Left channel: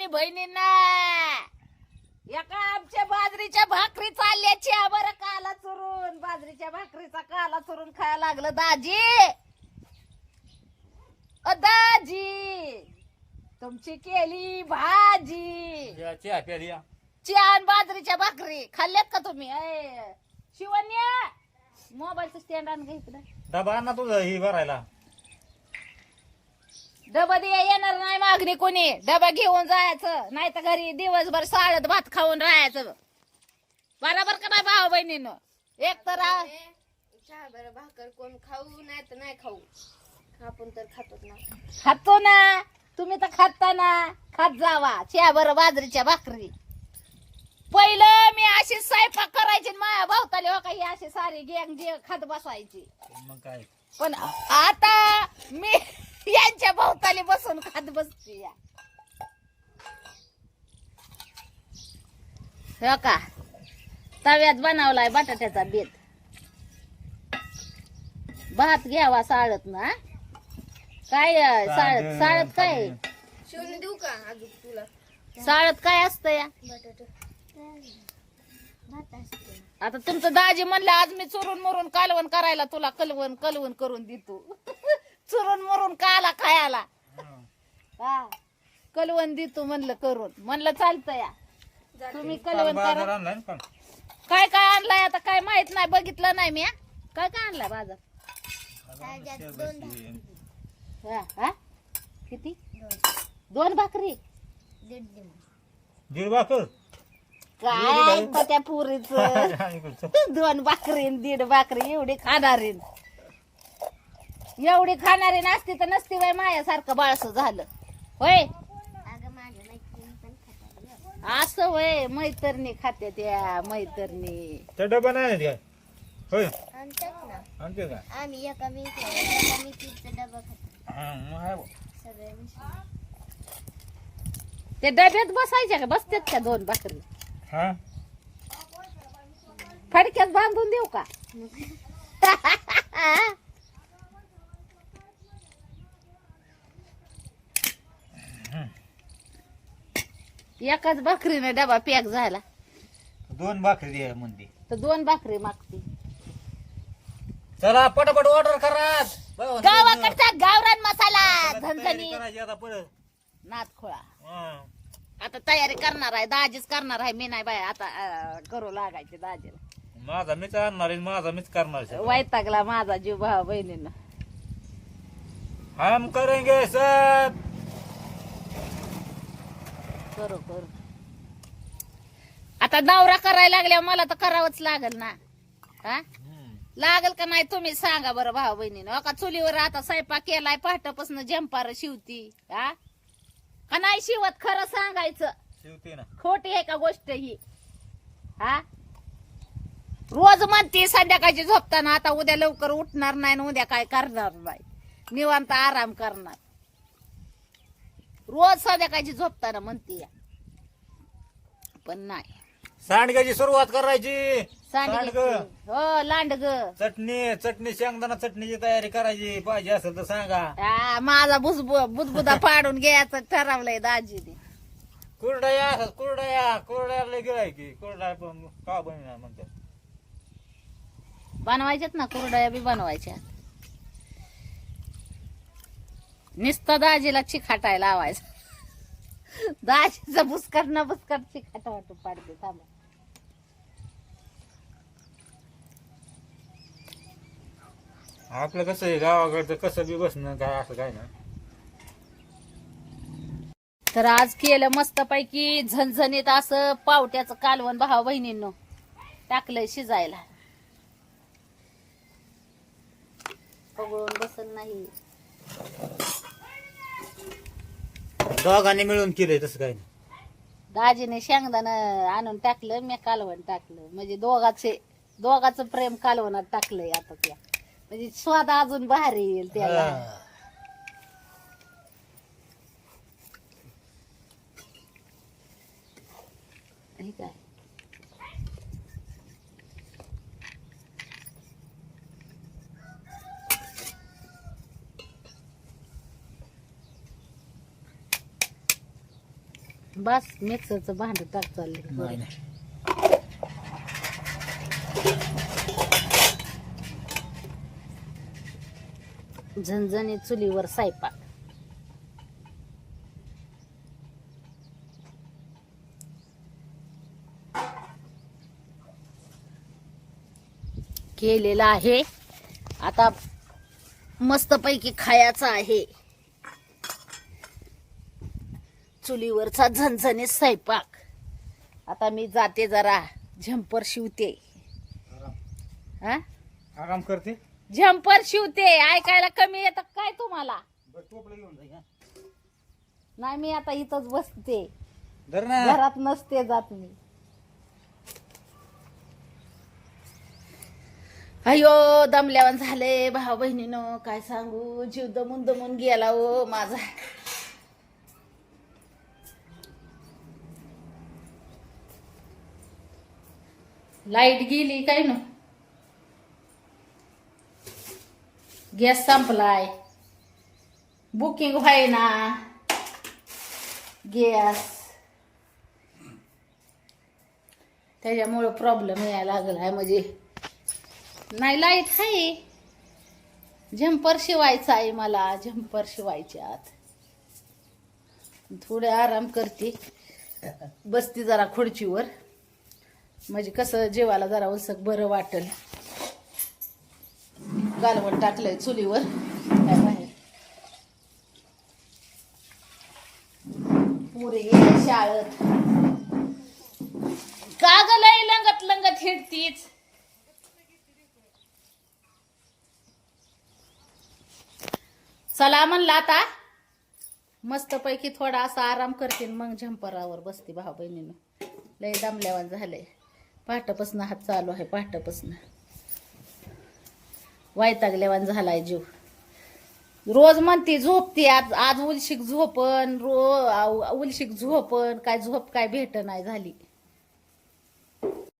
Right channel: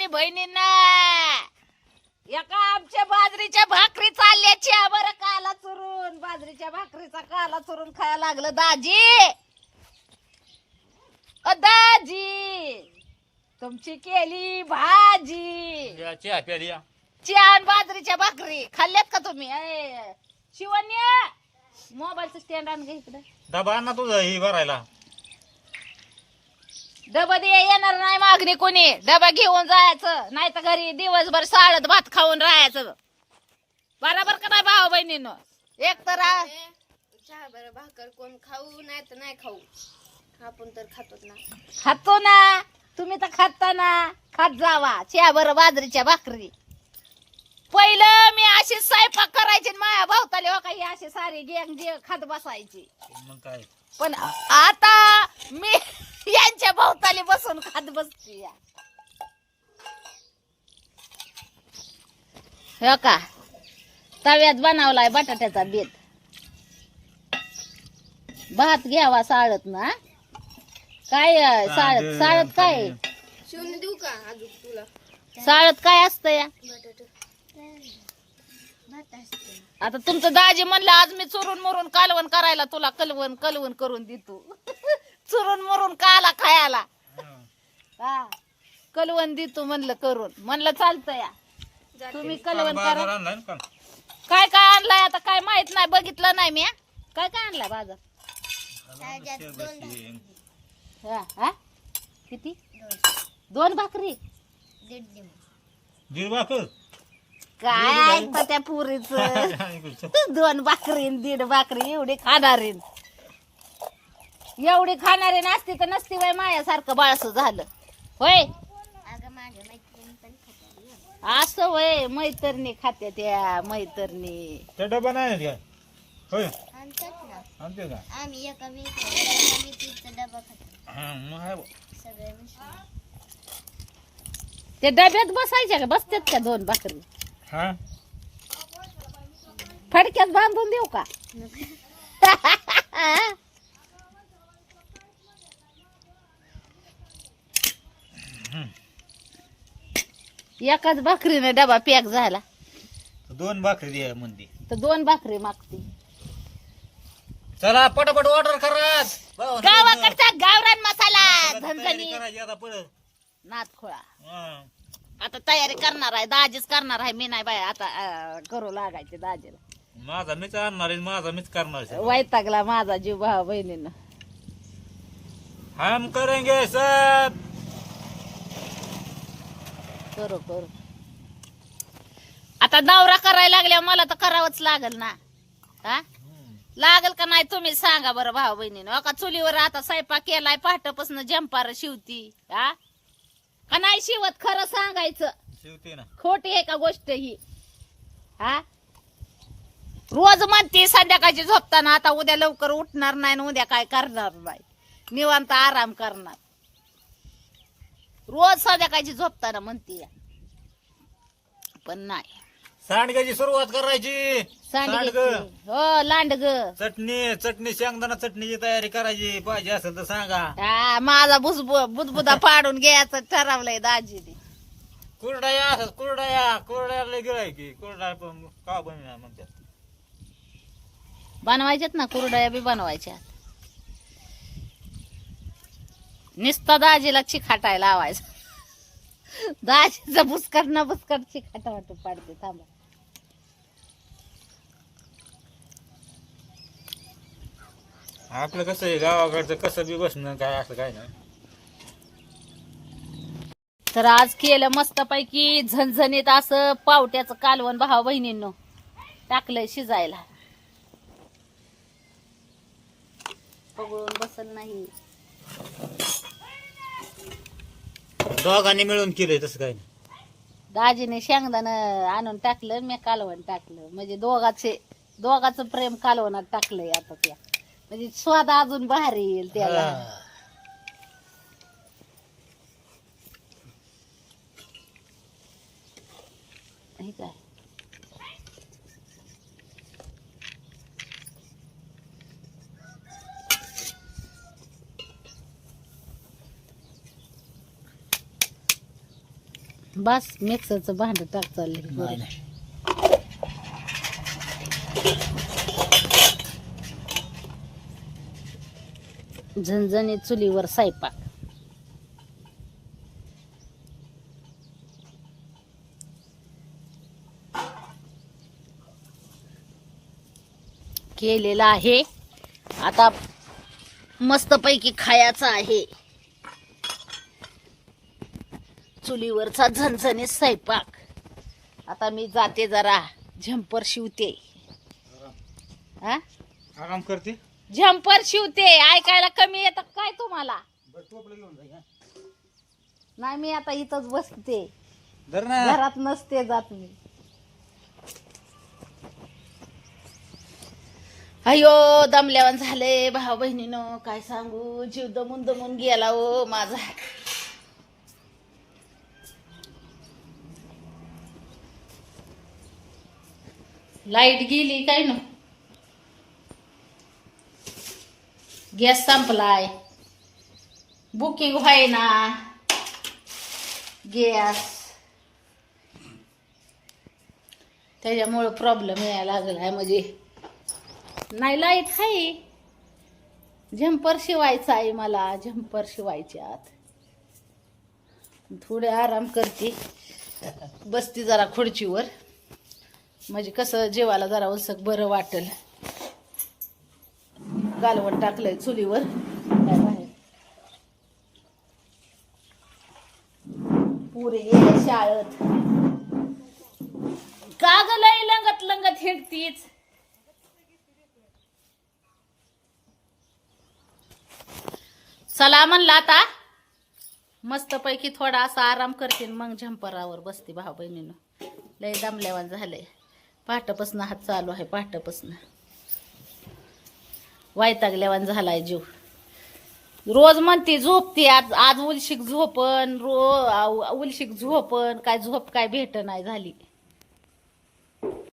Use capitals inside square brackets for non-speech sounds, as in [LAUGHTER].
आणि बहिणींना. एका आमच्या बाजरीच्या भाकरी चालल्याच्या. बरं काला चुरून. बाजरीच्या भाकरीचा काला चुरून खायला लागलं दाजी. अ दाजी. तुमची केली भाजी. चहा या. छान बाजरीच्या भाकरी. खाल्ल्यात का तुम्ही? ए, शिवण्या. मोबाईलचं स्टँड आण इकडे. डबा आण ना तुझं ही भरायला. डबा दे येणार नाही मागणी कोणी. डबा घेऊन जायचं नाही तर घरी दिवसभर साळत भात खाऊन राहायचं. बरोबर का नाही भाऊ बहिणीनं? एक तर आ- चहा बरं भाकर कोण खाऊ नाही तर नाही खाऊ. आपण तर खातोच ना. खातो ना. तुम्ही तर खाता ना. खात जावा. चहा बरं बाजरीच्या भाकरी. पहिलं मी अशी स्वयंपाक करायची आणि माझ्या भावताले हो काही अशी सारी गेंग जे खात बसायची. मग काय? पण आता मी यांच्या भोवताली बसून खात बसते. हो का? तव्यात बनवलाय बटाट्याचा बेत. भात घ्यावा साळत ना? काय साळत साळत काय? शिवून देऊ का अजून तुला? साळत काय असतं या? बटाट. भात असते. आता तुमचं दाजी म्हणलं आज मी चुरून मुरून कालवण करायला तुला कलवण कलवण करून देतो. चुरून मुरून काला खायला. हा. कलवण देतो म्हणलं करून. म्हणलं चालतं या. तुम्ही कलवण करा. काय काय आणलाय आता काय माहीत नाही. बघितलं नाही मी हा? काय काय आणलाय बाजार. हा हा किती? दोन भाकरी. दीड भाकर. काय ऐकतं त्या पुरीच. दोन भाकरी आणि दीड भाकरी एवढी खाणारी एवढी खाणारी नसती तर नसती वय मायासारखं बाळस झालं. होय? अगं माझ्या मैत्रिणी पण खातात असं वय मैतरणी खात्या त्या मैतरणी. त्या डबा नाही आणत काय? होय? आणतात ना. आणते का? आम्ही एका मी एका मेथीचा डबा खातो. हा मग आहे बुवा. सगळे मिसळून ते डब्यात बसायच्या का? बसतात का दोन भाकरी? हा? फडक्यात बांधून देऊ का? [LAUGHS] एकाच भाकरीने डबा पॅक झाला. दोन भाकरी द्या म्हणते तर दोन भाकरी मागते. चला पटापट ऑर्डर करा. भाऊ, गावाकडचा गावरान मसाला तयारी झणझणी करायची आता हा. आता तयारी करणार आहे दाजीच करणार आहे. मी नाही बाय आता अं, करू लागायचे दाजीला. माझा मीच आणणार आहे माझा मीच करणार आहे. वैतागला माझा जीव भाऊ बहिणीनं. हम करेंगे सब. आता नवरा करायला लागल्या मला तर करावंच लागल ना. हा. लागल का नाही तुम्ही सांगा बरं भाऊ बहिणीनं. का चुलीवर आता स्वयंपाक केलाय पहाटापासून जंपार शिवती हा? का नाही शिवत? खरं सांगायचं. शिवते ना. खोटी आहे का गोष्ट ही? हा? रोज म्हणते संध्याकाळची झोपताना आता उद्या लवकर उठणार नाही उद्या काय करणार नाही. निवांत आराम करणार. रोज संध्याकाळची झोपताना म्हणते. पण नाही. सांडग्याची सुरुवात करायची. सांडगे. सांडग हो लांडग. चटणी चटणी शेंगदाणा चटणीची तयारी करायची. पाहिजे असेल तर सांगा. हा, माझा बुजबु बुदबुदा पाडून घ्यायचं ठरवलंय दाजीने. कुरडया असत कुरडया कुरड्याला गिराय की. कुरडा पण का बनणार म्हणतात? बनवायच्यात ना कुरडया बी बनवायच्या नुसता दाजीला चिखाटायला लावायचं. दाजीचा बुसकट न बुसकट चिखाटा वाटून पाडते थांबा. आपलं कसं आहे गावाकडचं कसं बी बसणं काय असं काय ना तर आज केलं मस्त पैकी झणझणीत असं पावट्याचं कालवण भावा बहिणींनो टाकलंय शिजायला. पगळून बसल नाही. दोघांनी मिळून केलंय तसं काय नाही. दाजीने शेंगदाण आणून टाकलं मी कालवण टाकलं. म्हणजे दोघाचे दोघाचं प्रेम कालवणात टाकलंय आता त्या. म्हणजे स्वाद अजून भारी येईल त्याला. हा. हे काय? बस मिक्सरचं भांड टाक चाललंय. नाही झणझणीत चुलीवर स्वयंपाक केलेला आहे. आता मस्तपैकी खायचा आहे. चुलीवरचा झणझणीत स्वयंपाक. आता मी जाते जरा झंपर शिवते. हा? आराम करते. झंपर शिवते. ऐकायला कमी येतं काय तुम्हाला? बरं टोपलं घेऊन जाई हा. नाही मी आता इथंच बसते. धर ना. घरात नसते जात मी. अयो दमल्यावर झाले भाऊ बहिणीनं. काय सांगू? जीव दमून दमून गेला ओ माझा. लाइट गेली काय न? गॅस संपलाय. बुकिंग व्हाय ना. गॅस. त्याच्यामुळं प्रॉब्लेम यायला लागलाय म्हणजे. नाही लाइट आहे झंपर शिवायचा आहे मला झंपर शिवायच्यात थोडे आराम करते. बसते जरा खुर्चीवर. म्हणजे कसं जेवायला जरा उलसक बरं वाटेल. कालवण टाकलंय चुलीवर. पुरे शाळेत. का ग लय लंगत लंगत हिंडतीच चला म्हणला आता. मस्तपैकी थोडा असा आराम करते मग झंपरावर बसते भाऊ बहिणीनं. लय दमल्यावान झालंय. पहाटपासनं हात चालू आहे पहाटपासनं. वायतागल्यावान झालाय जीव. रोज म्हणते झोपते आज आज उलशिक झोपन रो आ- उलशिक झोपन काय झोप काय भेट नाही झाली.